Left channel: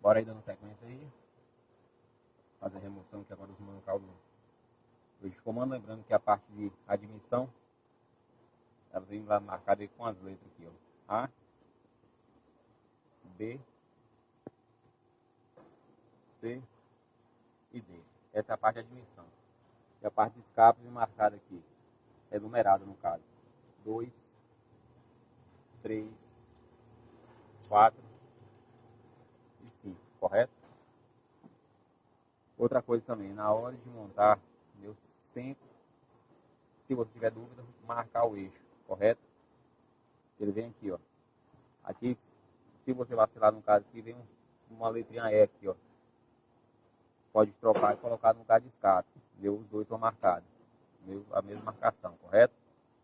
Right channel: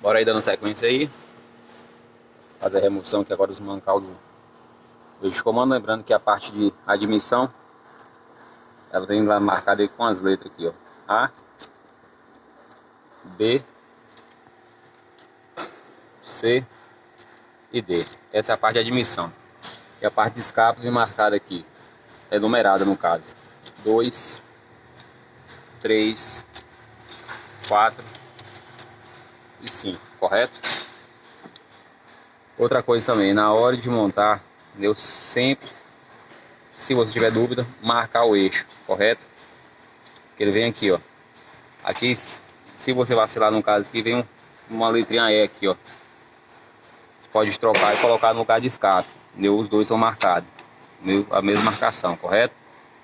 Bora aí dando sequência aí. Fazer a remoção aqui agora dos mancal do eixo de comando. Lembrando que a parte de admissão, ela tem lá marcada aí com as letras aqui, ó. A, B, C e D. Essa é a parte de admissão. E a parte de escape vem marcada aqui. É numerada no caso. 2, 3, 4 e 5, correto? Outra coisa também, na hora de montar, eu sempre, se você tiver dúvida, marcar o eixo, correto? Que ele vem aqui, ó. Aqui, se você vacilar no caso aqui, vem uma letrinha E aqui, ó. Você pode trocar e colocar no lugar de escape, entendeu? Os dois são marcados, entendeu? A mesma marcação, correto?